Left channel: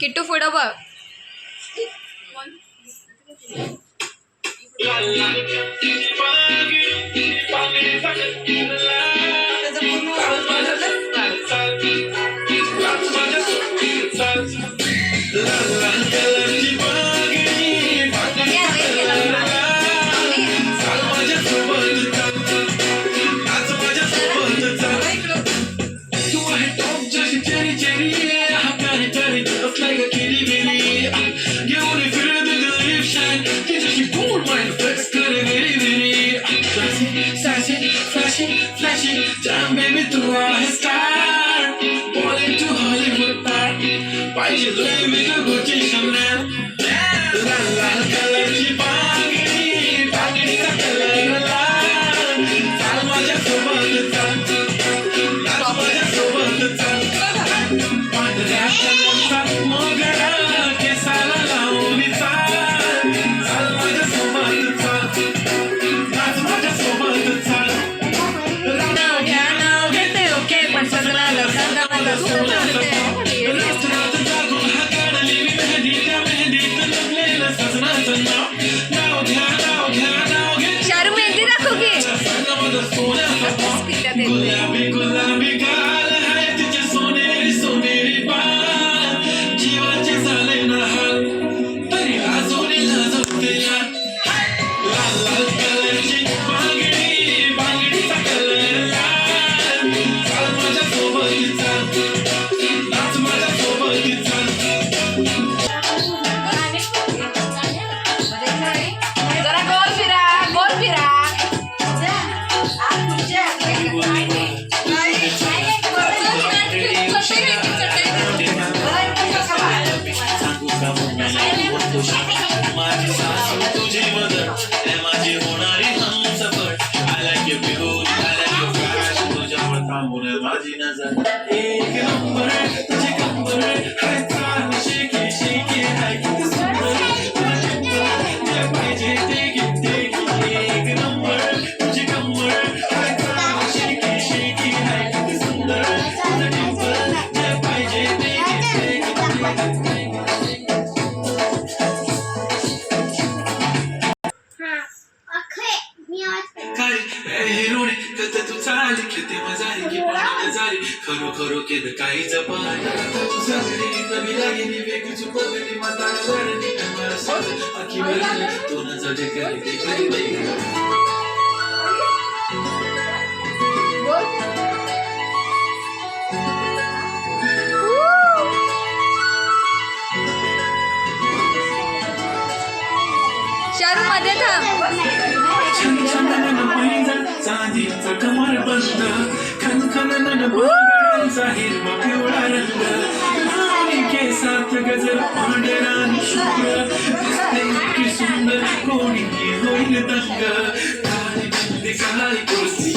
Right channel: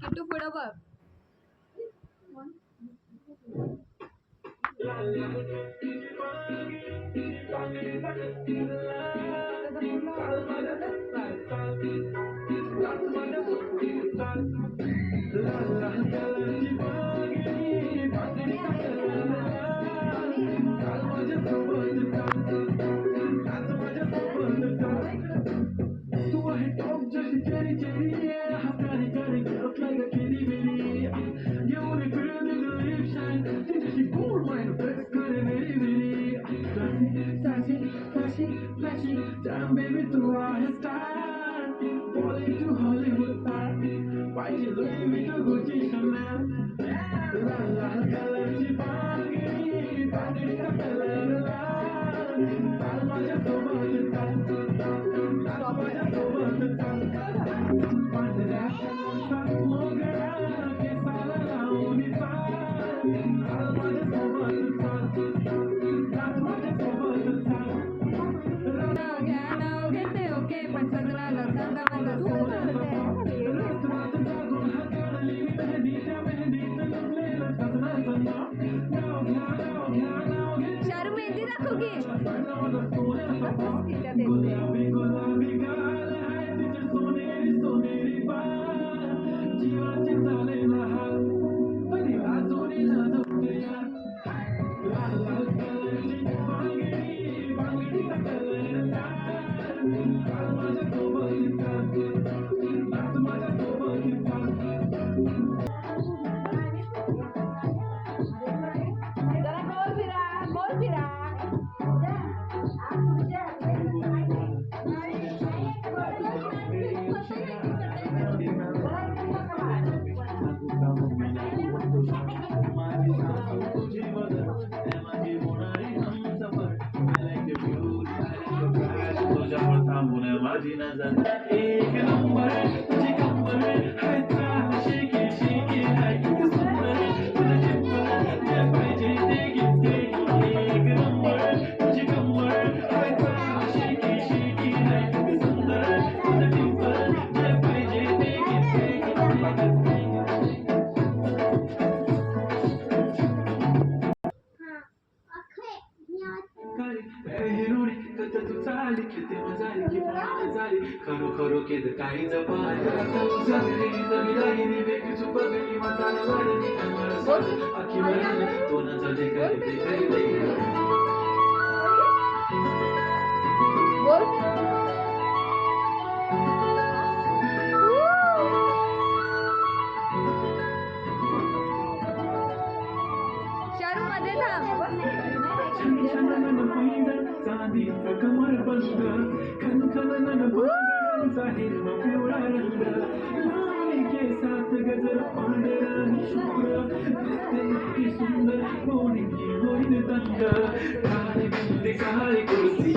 किट्टू पुढं बघ. खरो के काही जपान तू सगळी नवी लागेली वेगळी चुपगली म्हातारा वाढली मला सोड आखी भरली तो न जडे करे ते करी बाई शारू मध्ये थांब. चांदीचा कमर बंद खनखन बांगड्यांचा हिरवा पिवळा रंग लावणी केसात गजर पांढरानी शुभ्र दिसते की सुंदर कोणी होईल दंग काळी बिंदी काळी कुर्ती